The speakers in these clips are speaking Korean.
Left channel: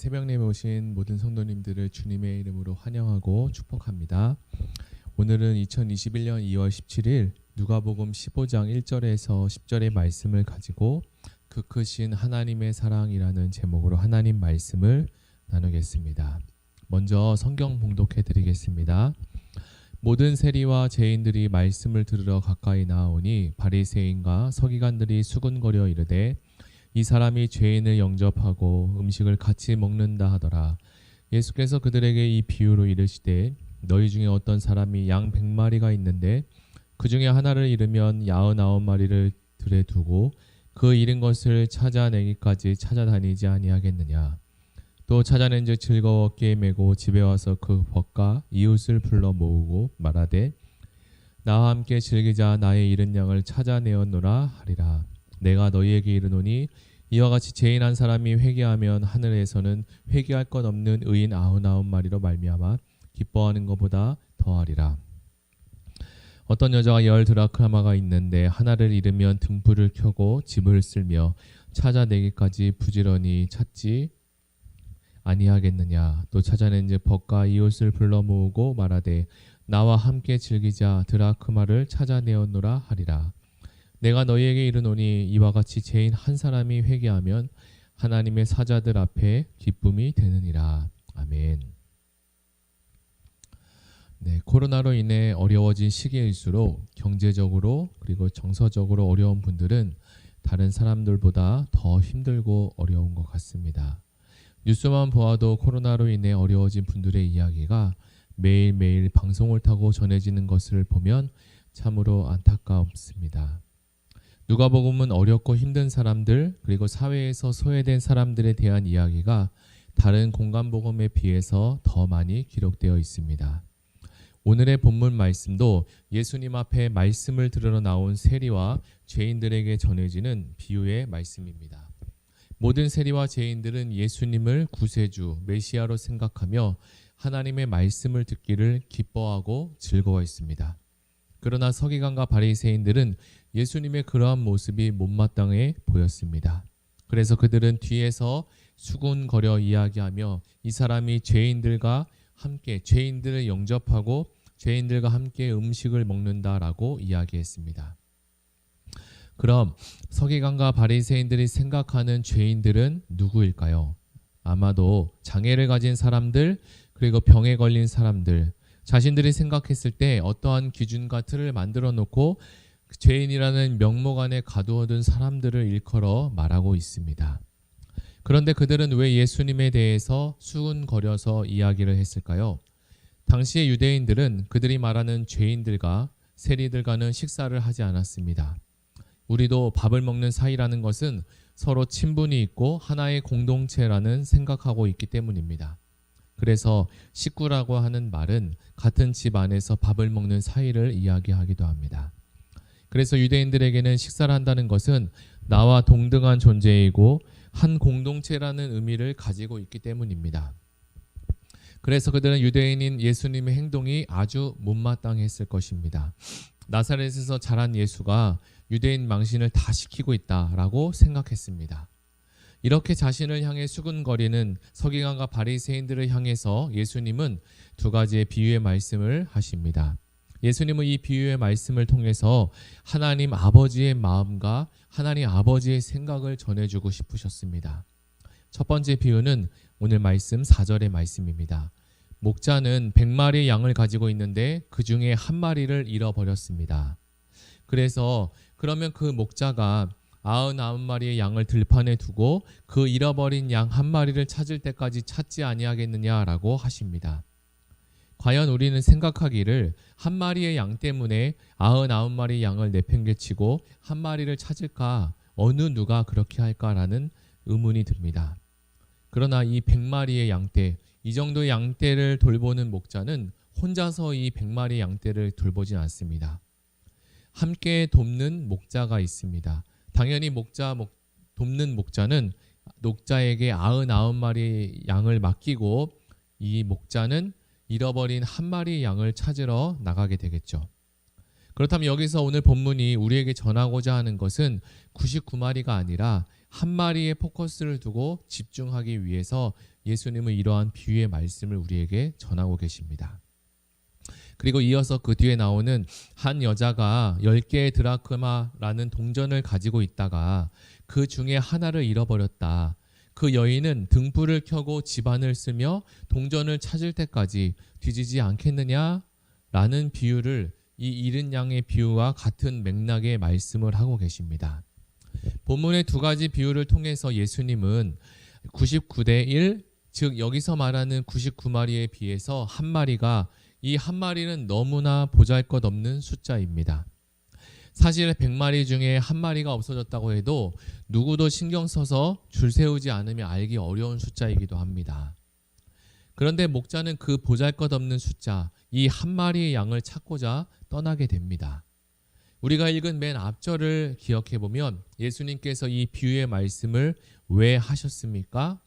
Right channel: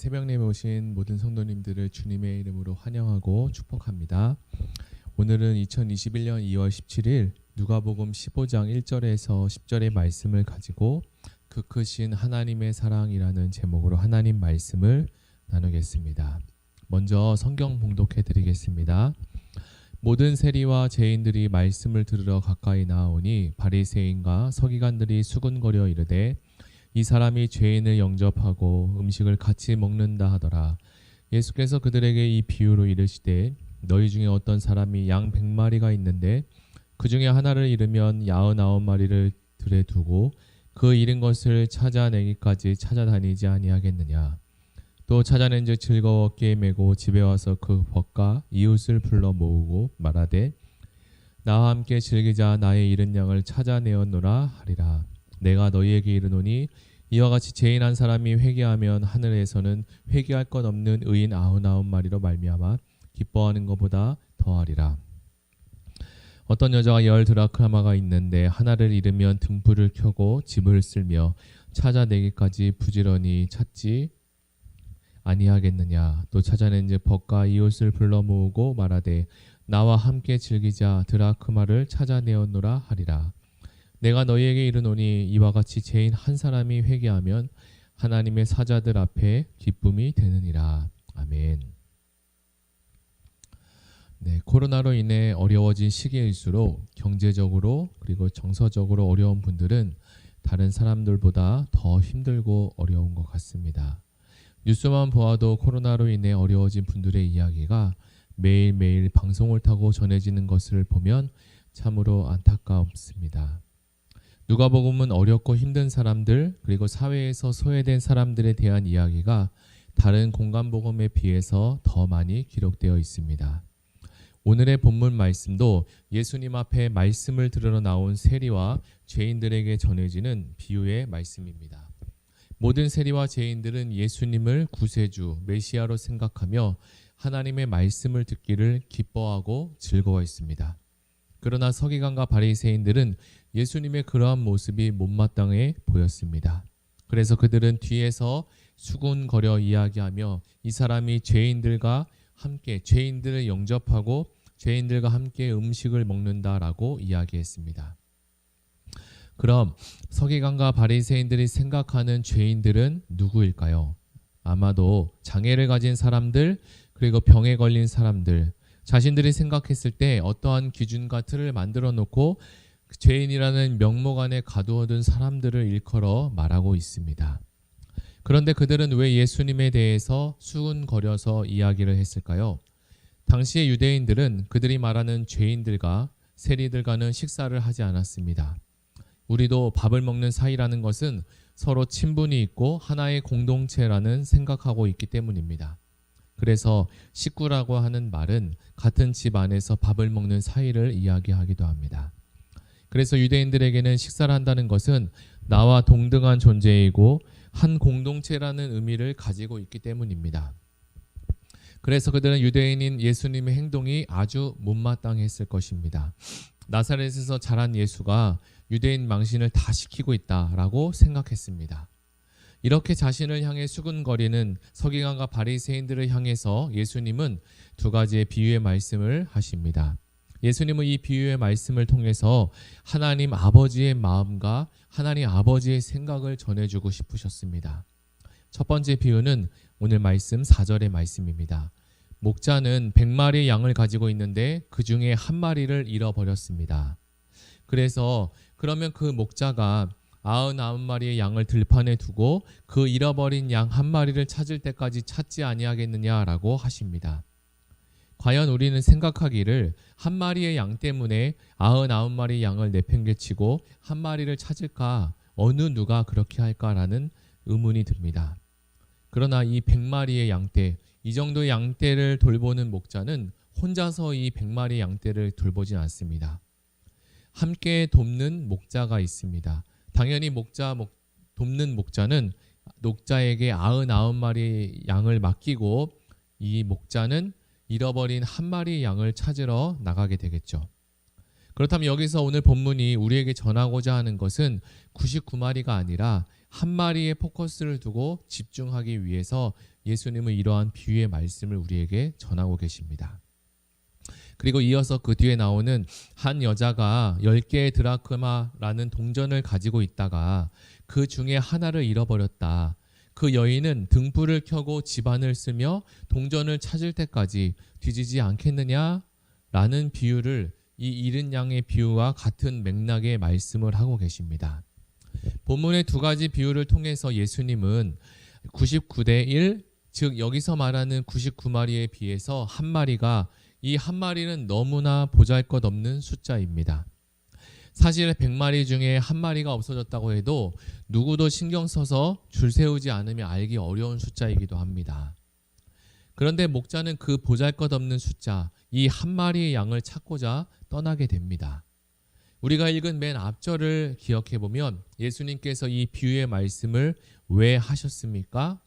새벽 예배 오신 모든 성도님들을 주님의 이름으로 환영하고 축복합니다. 오늘은 2021년 2월 17일 누가복음 15장 1절에서 10절의 말씀을 가지고 그 크신 하나님의 사랑이라는 제목으로 하나님 말씀을 나누겠습니다. 먼저 성경 봉독해 드리겠습니다. 모든 세리와 죄인들이 말씀을 들으러 가까이 나아오니 바리새인과 서기관들이 수군거려 이르되 이 사람이 죄인을 영접하고 음식을 같이 먹는다 하더라. 예수께서 그들에게 이 비유로 이르시되 너희 중에 어떤 사람이 양 100마리가 있는데 그 중에 하나를 잃으면 99마리를 들에 두고 그 잃은 것을 찾아내기까지 찾아다니지 아니하겠느냐. 또 찾아낸즉 즐거웠게 메고 집에 와서 그 벗과 이웃을 불러 모으고 말하되 나와 함께 즐기자. 나의 잃은 양을 찾아내었노라 하리라. 내가 너희에게 이르노니 이와 같이 죄인 한 사람이 회개하면 하늘에서는 회개할 것 없는 의인 99마리로 말미암아 기뻐하는 것보다 더하리라. 어떤 여자가 10 드라크마가 있는데 하나를 잃으면 등불을 켜고 집을 쓸며 찾아내기까지 부지런히 찾지 아니하겠느냐. 또 찾아낸즉 벗과 이웃을 불러 모으고 말하되 나와 함께 즐기자. 드라크마를 찾아내었노라 하리라. 내가 너희에게 이르노니 이와 같이 죄인 한 사람이 회개하면 하나님의 사자들 앞에 기쁨이 되느니라. 아멘. 코로나로 인해 어려워진 시기일수록 경제적으로 그리고 정서적으로 어려운 분들은 다른 사람들보다 더 힘들고 어려운 것 같습니다. 뉴스만 보아도 코로나로 인해 어려워진 분들의 이야기가 매일매일 방송을 타고 전해지는 것을 보면 참으로 안타깝습니다. 누가복음은 어렵고 힘든 사람들 그리고 사회에서 소외된 사람들에 대한 이야기가 다른 공간복음에 비해서 더 많이 기록되어 있습니다. 오늘의 본문 말씀도 예수님 앞에 말씀을 들으러 나온 세리와 죄인들에게 전해지는 비유의 말씀입니다. 모든 세리와 죄인들은 예수님을 구세주, 메시아로 생각하며 하나님의 말씀을 듣기를 기뻐하고 즐거워했습니다. 그러나 서기관과 바리새인들은 예수님의 그러한 모습이 못마땅해 보였습니다. 그래서 그들은 뒤에서 수군거려 이야기하며 이 사람이 죄인들과 함께 죄인들을 영접하고 죄인들과 함께 음식을 먹는다라고 이야기했습니다. 그럼 서기관과 바리새인들이 생각하는 죄인들은 누구일까요? 아마도 장애를 가진 사람들 그리고 병에 걸린 사람들, 자신들이 생각했을 때 어떠한 기준과 틀을 만들어 놓고 죄인이라는 명목 안에 가두어둔 사람들을 일컬어 말하고 있습니다. 그런데 그들은 왜 예수님에 대해서 수군거려서 이야기를 했을까요? 당시의 유대인들은 그들이 말하는 죄인들과 세리들과는 식사를 하지 않았습니다. 우리도 밥을 먹는 사이라는 것은 서로 친분이 있고 하나의 공동체라는 생각하고 있기 때문입니다. 그래서 식구라고 하는 말은 같은 집 안에서 밥을 먹는 사이를 이야기하기도 합니다. 그래서 유대인들에게는 식사를 한다는 것은 나와 동등한 존재이고 한 공동체라는 의미를 가지고 있기 때문입니다. 그래서 그들은 유대인인 예수님의 행동이 아주 못마땅했을 것입니다. 나사렛에서 자란 예수가 유대인 망신을 다 시키고 있다라고 생각했습니다. 이렇게 자신을 향해 수군거리는 서기관과 바리새인들을 향해서 예수님은 두 가지의 비유의 말씀을 하십니다. 예수님은 이 비유의 말씀을 통해서 하나님 아버지의 마음과 하나님 아버지의 생각을 전해주고 싶으셨습니다. 첫 번째 비유는 오늘 말씀 4절의 말씀입니다. 목자는 100마리의 양을 가지고 있는데 그 중에 한 마리를 잃어버렸습니다. 그래서 그러면 그 목자가 99마리의 양을 들판에 두고 그 잃어버린 양 한 마리를 찾을 때까지 찾지 아니하겠느냐라고 하십니다. 과연 우리는 생각하기를 한 마리의 양 때문에 99마리의 양을 내팽개치고 한 마리를 찾을까? 어느 누가 그렇게 할까라는 의문이 듭니다. 그러나 이 100마리의 양떼, 이 정도의 양떼를 돌보는 목자는 혼자서 이 100마리의 양떼를 돌보진 않습니다. 함께 돕는 목자가 있습니다. 당연히 돕는 목자는 목자에게 99마리의 양을 맡기고 이 목자는 잃어버린 한 마리의 양을 찾으러 나가게 되겠죠. 그렇다면 여기서 오늘 본문이 우리에게 전하고자 하는 것은 99마리가 아니라 한 마리의 포커스를 두고 집중하기 위해서 예수님은 이러한 비유의 말씀을 우리에게 전하고 계십니다. 그리고 이어서 그 뒤에 나오는 한 여자가 10개의 드라크마라는 동전을 가지고 있다가 그 중에 하나를 잃어버렸다. 그 여인은 등불을 켜고 집안을 쓰며 동전을 찾을 때까지 뒤지지 않겠느냐라는 비유를 이 잃은 양의 비유와 같은 맥락의 말씀을 하고 계십니다. 본문의 두 가지 비유를 통해서 예수님은 99대 1, 즉 여기서 말하는 99마리에 비해서 한 마리가 이 한 마리는 너무나 보잘것없는 숫자입니다. 사실 100마리 중에 한 마리가 없어졌다고 해도 누구도 신경 써서 줄 세우지 않으면 알기 어려운 숫자이기도 합니다. 그런데 목자는 그 보잘것없는 숫자, 이 한 마리의 양을 찾고자 떠나게 됩니다. 우리가 읽은 맨 앞절을 기억해 보면 예수님께서 이 비유의 말씀을 왜 하셨습니까?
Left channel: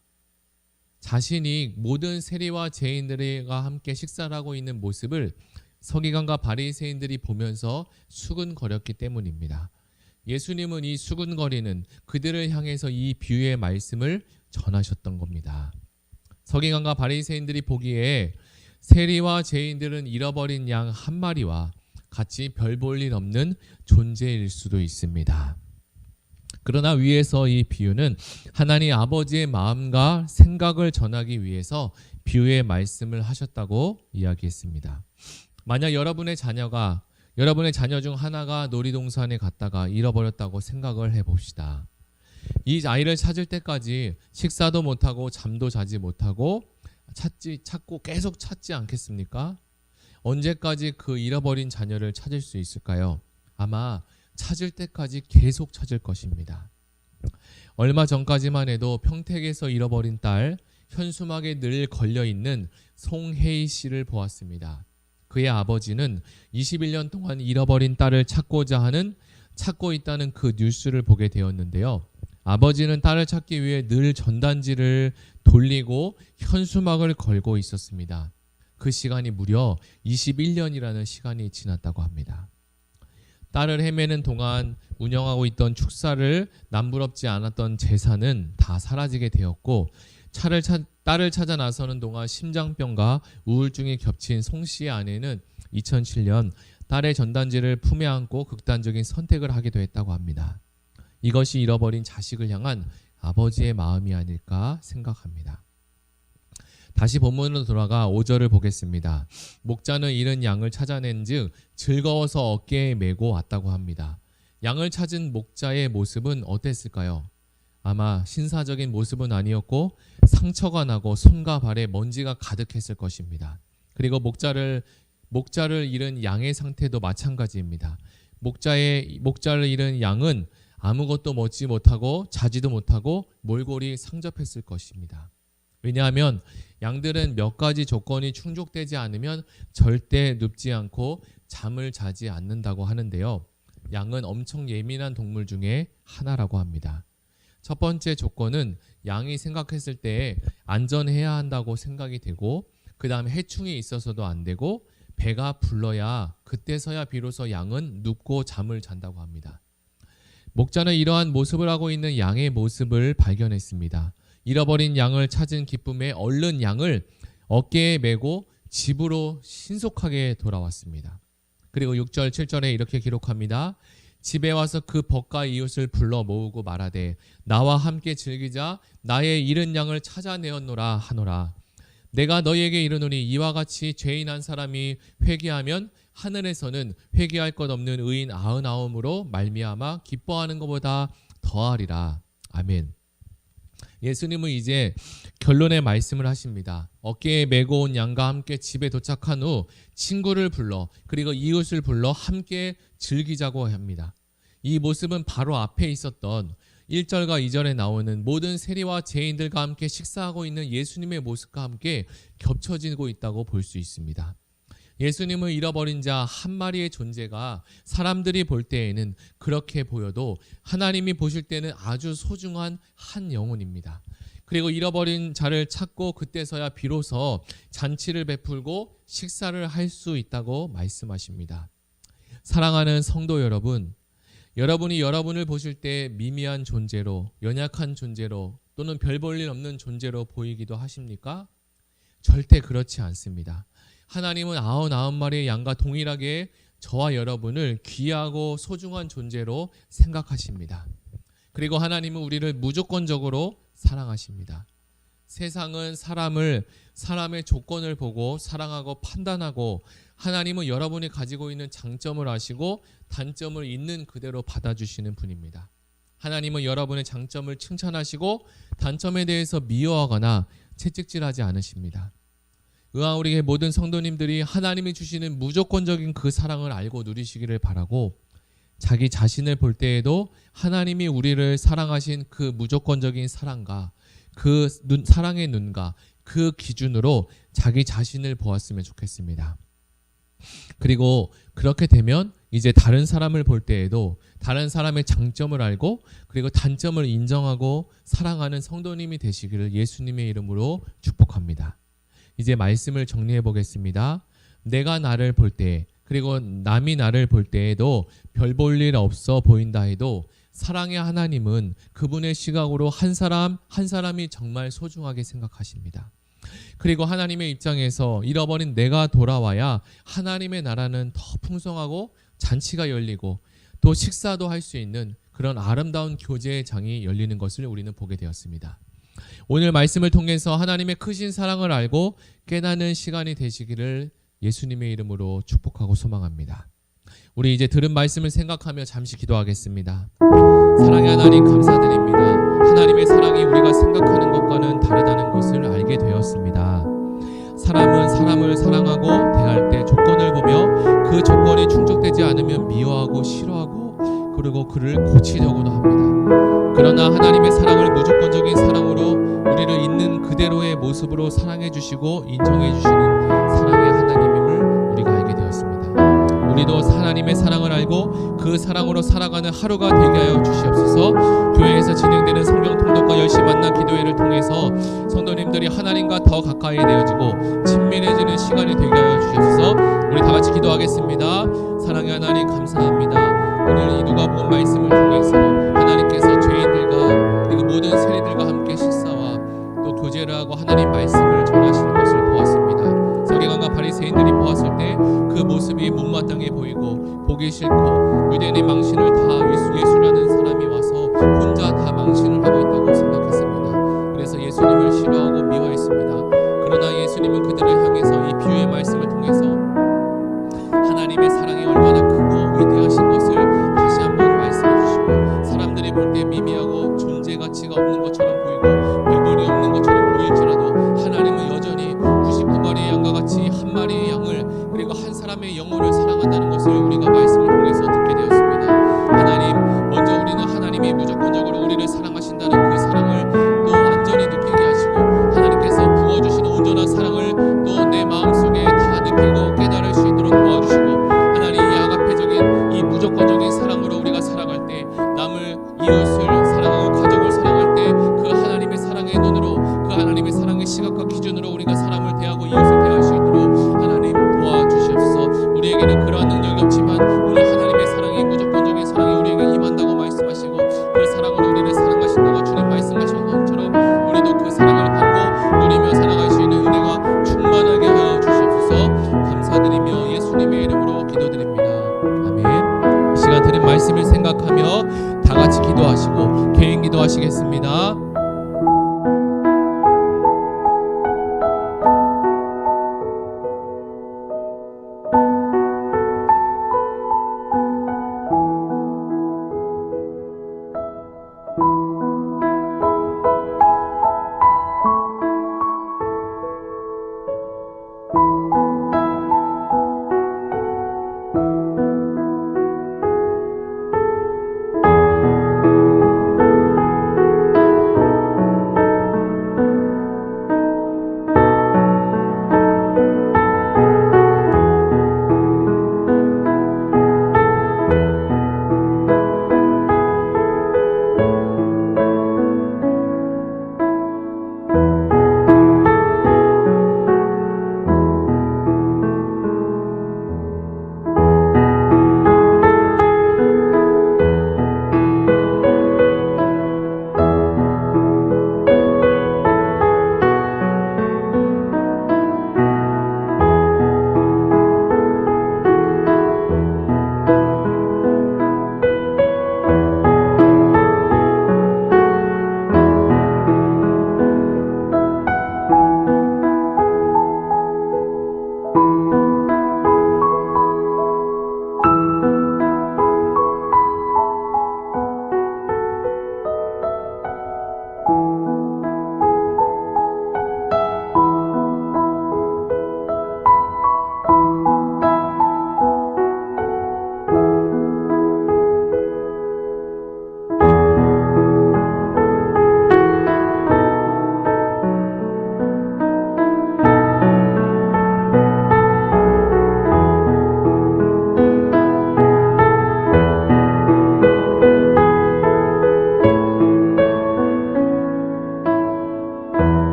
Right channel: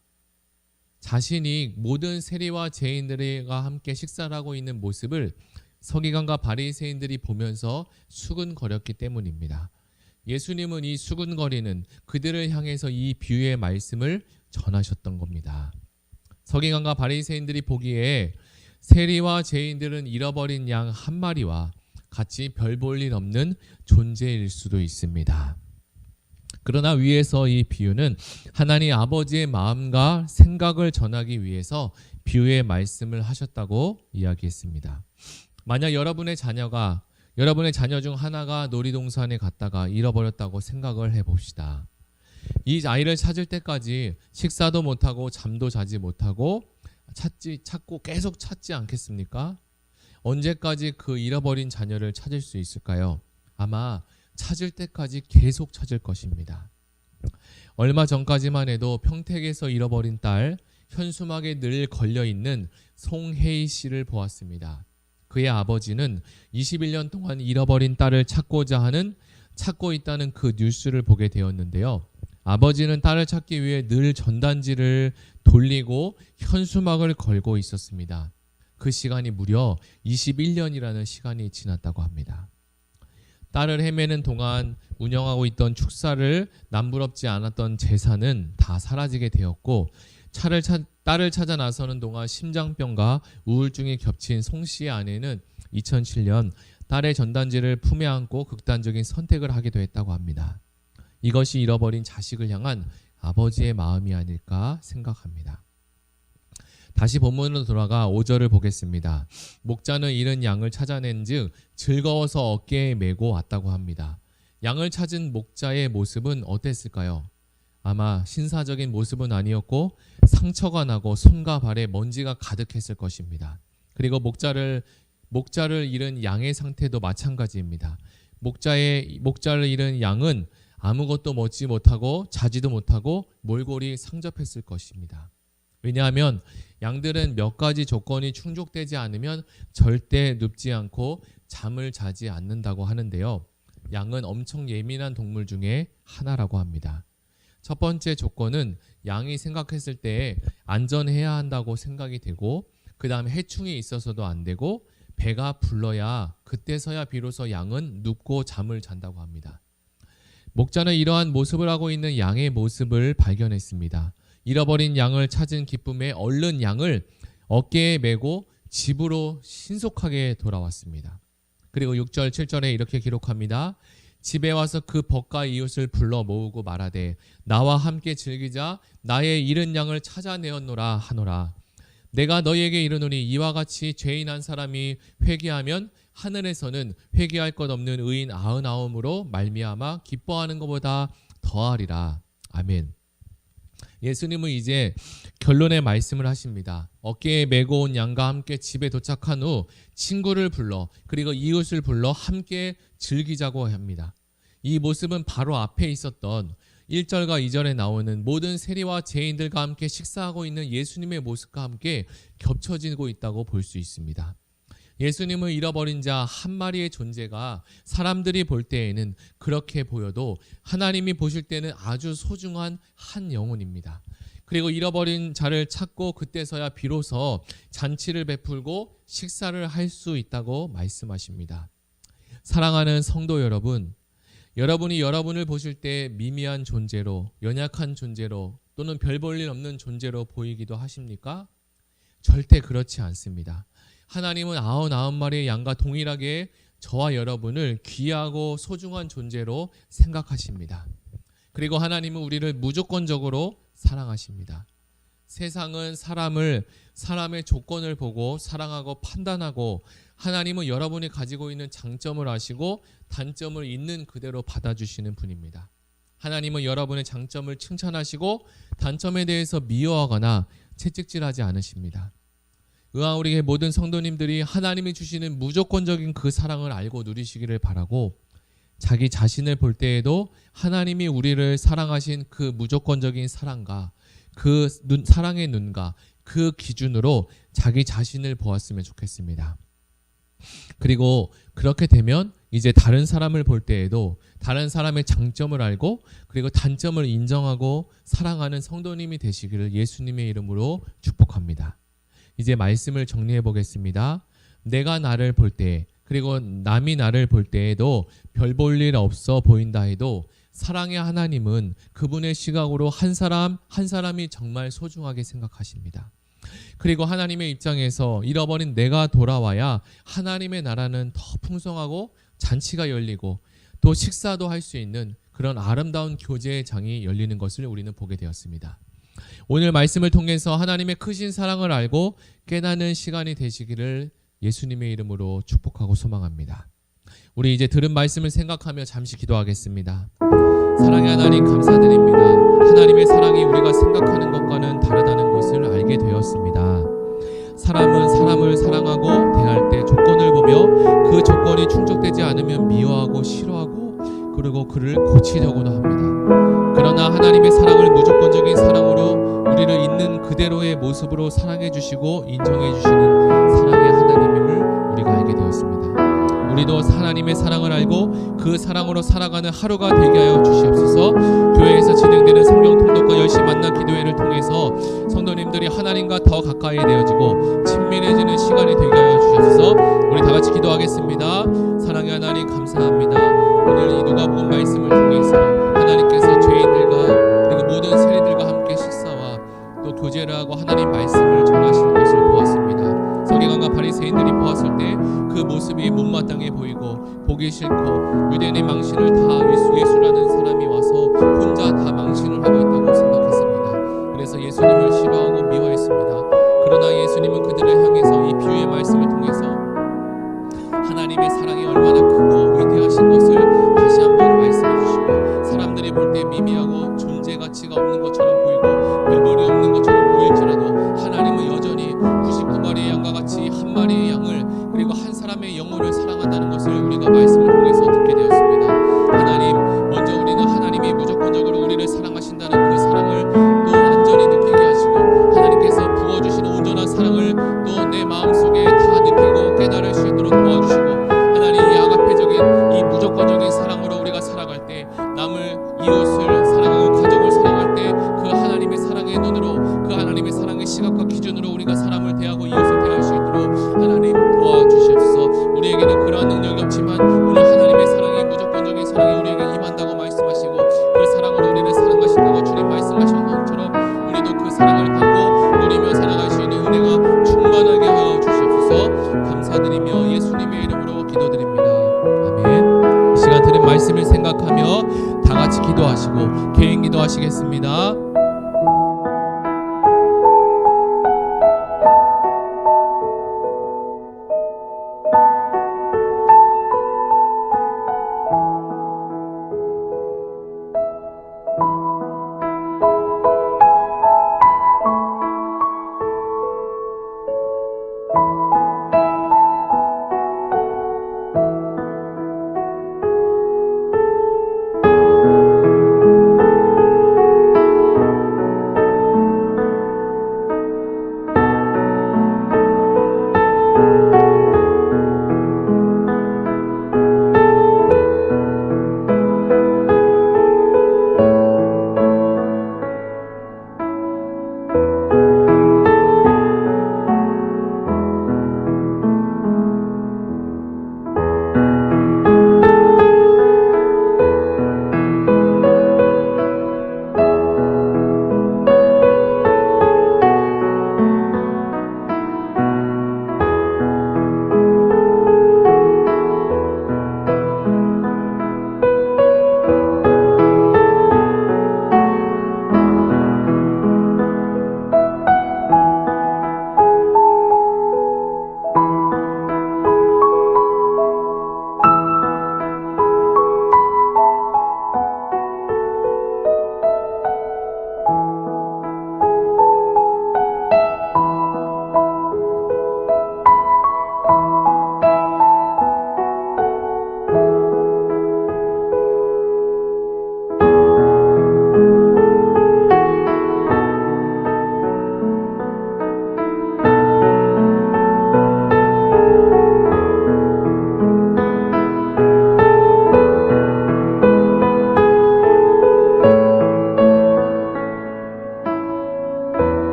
자신이 모든 세리와 죄인들과 함께 식사를 하고 있는 모습을 서기관과 바리새인들이 보면서 수근거렸기 때문입니다. 예수님은 이 수근거리는 그들을 향해서 이 비유의 말씀을 전하셨던 겁니다. 서기관과 바리새인들이 보기에 세리와 죄인들은 잃어버린 양 한 마리와 같이 별 볼 일 없는 존재일 수도 있습니다. 그러나 위에서 이 비유는 하나님 아버지의 마음과 생각을 전하기 위해서 비유의 말씀을 하셨다고 이야기했습니다. 만약 여러분의 자녀 중 하나가 놀이동산에 갔다가 잃어버렸다고 생각을 해봅시다. 이 아이를 찾을 때까지 식사도 못하고 잠도 자지 못하고 찾고 계속 찾지 않겠습니까? 언제까지 그 잃어버린 자녀를 찾을 수 있을까요? 아마 찾을 때까지 계속 찾을 것입니다. 얼마 전까지만 해도 평택에서 잃어버린 딸 현수막에 늘 걸려있는 송혜희 씨를 보았습니다. 그의 아버지는 21년 동안 잃어버린 딸을 찾고 있다는 그 뉴스를 보게 되었는데요. 아버지는 딸을 찾기 위해 늘 전단지를 돌리고 현수막을 걸고 있었습니다. 그 시간이 무려 21년이라는 시간이 지났다고 합니다. 딸을 헤매는 동안 운영하고 있던 축사를 남부럽지 않았던 재산은 다 사라지게 되었고 딸을 찾아 나서는 동안 심장병과 우울증이 겹친 송 씨의 아내는 2007년 딸의 전단지를 품에 안고 극단적인 선택을 하기도 했다고 합니다. 이것이 잃어버린 자식을 향한 아버지의 마음이 아닐까 생각합니다. 다시 본문으로 돌아가 5절을 보겠습니다. 목자는 잃은 양을 찾아낸 즉 즐거워서 어깨에 메고 왔다고 합니다. 양을 찾은 목자의 모습은 어땠을까요? 아마 신사적인 모습은 아니었고 상처가 나고 손과 발에 먼지가 가득했을 것입니다. 그리고 목자를 잃은 양의 상태도 마찬가지입니다. 목자를 잃은 양은 아무것도 먹지 못하고 자지도 못하고 몰골이 상접했을 것입니다. 왜냐하면 양들은 몇 가지 조건이 충족되지 않으면 절대 눕지 않고 잠을 자지 않는다고 하는데요. 양은 엄청 예민한 동물 중에 하나라고 합니다. 첫 번째 조건은 양이 생각했을 때 안전해야 한다고 생각이 되고 그 다음에 해충이 있어서도 안 되고 배가 불러야 그때서야 비로소 양은 눕고 잠을 잔다고 합니다. 목자는 이러한 모습을 하고 있는 양의 모습을 발견했습니다. 잃어버린 양을 찾은 기쁨에 얼른 양을 어깨에 메고 집으로 신속하게 돌아왔습니다. 그리고 6절, 7절에 이렇게 기록합니다. 집에 와서 그 벗과 이웃을 불러 모으고 말하되 나와 함께 즐기자 나의 잃은 양을 찾아내었노라 하노라. 내가 너희에게 이르노니 이와 같이 죄인 한 사람이 회개하면 하늘에서는 회개할 것 없는 의인 99으로 말미암아 기뻐하는 것보다 더하리라. 아멘. 예수님은 이제 결론의 말씀을 하십니다. 어깨에 메고 온 양과 함께 집에 도착한 후 친구를 불러 그리고 이웃을 불러 함께 즐기자고 합니다. 이 모습은 바로 앞에 있었던 1절과 2절에 나오는 모든 세리와 죄인들과 함께 식사하고 있는 예수님의 모습과 함께 겹쳐지고 있다고 볼 수 있습니다. 예수님은 잃어버린 자 한 마리의 존재가 사람들이 볼 때에는 그렇게 보여도 하나님이 보실 때는 아주 소중한 한 영혼입니다. 그리고 잃어버린 자를 찾고 그때서야 비로소 잔치를 베풀고 식사를 할 수 있다고 말씀하십니다. 사랑하는 성도 여러분, 여러분이 여러분을 보실 때 미미한 존재로, 연약한 존재로, 또는 별 볼 일 없는 존재로 보이기도 하십니까? 절대 그렇지 않습니다. 하나님은 99마리의 양과 동일하게 저와 여러분을 귀하고 소중한 존재로 생각하십니다. 그리고 하나님은 우리를 무조건적으로 사랑하십니다. 세상은 사람의 조건을 보고 사랑하고 판단하고, 하나님은 여러분이 가지고 있는 장점을 아시고 단점을 있는 그대로 받아주시는 분입니다. 하나님은 여러분의 장점을 칭찬하시고 단점에 대해서 미워하거나 채찍질하지 않으십니다. 우리 모든 성도님들이 하나님이 주시는 무조건적인 그 사랑을 알고 누리시기를 바라고, 자기 자신을 볼 때에도 하나님이 우리를 사랑하신 그 무조건적인 사랑과 그 사랑의 눈과 그 기준으로 자기 자신을 보았으면 좋겠습니다. 그리고 그렇게 되면 이제 다른 사람을 볼 때에도 다른 사람의 장점을 알고 그리고 단점을 인정하고 사랑하는 성도님이 되시기를 예수님의 이름으로 축복합니다. 이제 말씀을 정리해 보겠습니다. 내가 나를 볼 때, 그리고 남이 나를 볼 때에도 별 볼 일 없어 보인다 해도 사랑의 하나님은 그분의 시각으로 한 사람이 정말 소중하게 생각하십니다. 그리고 하나님의 입장에서 잃어버린 내가 돌아와야 하나님의 나라는 더 풍성하고 잔치가 열리고 또 식사도 할 수 있는 그런 아름다운 교제의 장이 열리는 것을 우리는 보게 되었습니다. 오늘 말씀을 통해서 하나님의 크신 사랑을 알고 깨닫는 시간이 되시기를 예수님의 이름으로 축복하고 소망합니다. 우리 이제 들은 말씀을 생각하며 잠시 기도하겠습니다. 사랑의 하나님, 감사드립니다. 하나님의 사랑이 우리가 생각하는 것과는 다르다는 것을 알게 되었습니다. 사람은 사람을 사랑하고 대할 때 조건을 보며 그 조건이 충족되지 않으면 미워하고 싫어하고 그리고 그를 고치려고도 합니다. 그러나 하나님의 사랑을 무조건적인 사랑으로 우리를 있는 그대로의 모습으로 사랑해 주시고 인정해 주시는 사랑의 하나님임을 우리가 알게 되었습니다. 우리도 하나님의 사랑을 알고 그 사랑으로 살아가는 하루가 되게 하여 주시옵소서. 교회에서 진행되는 성경 통독과 열심히 만난 기도회를 통해서 성도님들이 하나님과 더 가까이 되어지고 친밀해지는 시간이 되게 하여 주시옵소서. 우리 다 같이 기도하겠습니다. 사랑의 하나님, 감사합니다. 오늘 이 누가복음 말씀을 통해서 하나님께서 죄인들과 그리고 모든 세리들과 함께 식사와 또 교제를 하고 하나님 말씀을 전하시는 것을 보았습니다. 서기관과 바리새인들이 보았을 때 그 모습이 못마땅해 보이고 보기 싫고 유대인의 망신을 다 예수라는 사람이 와서 혼자 다 망신을 하고 있다고 생각했습니다. 그래서 예수님을 싫어하고 미워했습니다. 그러나 예수님은 그들을 향해서 이 비유의 말씀을 통해서 하나님의 사랑이 얼마나 크고 위대하신 것을 다시 한번 말씀해 주시고, 사람들이 볼 때 미미하고 존재 가치가 없는 것처럼 보이고 별볼이 없는 것처럼 보일지라도 하나님은 여전히 99마리의 양과 같이 한 마리의 양을 그리고 한 사람의 영혼을 사랑한다는 것을 우리가 말씀을 통해서 듣게 되었습니다. 하나님, 먼저 우리는 하나님이 무조건적으로 우리를 사랑하신다는 그 사랑을 또 완전히 느끼게 하시고 하나님께서 부어주시는 온전한 사랑을 또 내 마음속에 다 느끼고 깨달을 수 있도록 도와주시고, 하나님 이 아가페적인 이 무조건적인 사랑으로 우리가 살아갈 때 남을 이웃을 사랑하고 가족을 사랑할 때 그 하나님의 사랑의 눈으로 그 하나님의 사랑의 시각과 기준으로 우리가 사람을 대하고 이웃을 대할 수 있도록 하나님 도와주시옵소서. 우리에게는 그러한 능력이 없지만 오늘 하나님의 사랑이 무조건적인 사랑이 우리에게 임한다고 말씀하시고 그 사랑으로 우리를 사랑하신다고 주님 말씀하신 것처럼 우리도 그 사랑을 받고 누리며 살아갈 수 있는 은혜가 충만하게 하여 주시옵소서. 감사드리며 예수님의 이름으로 기도드립니다. 아멘. 이 시간 들은 말씀을 생각하며 다 같이 기도하시고 개인 기도하시겠습니다.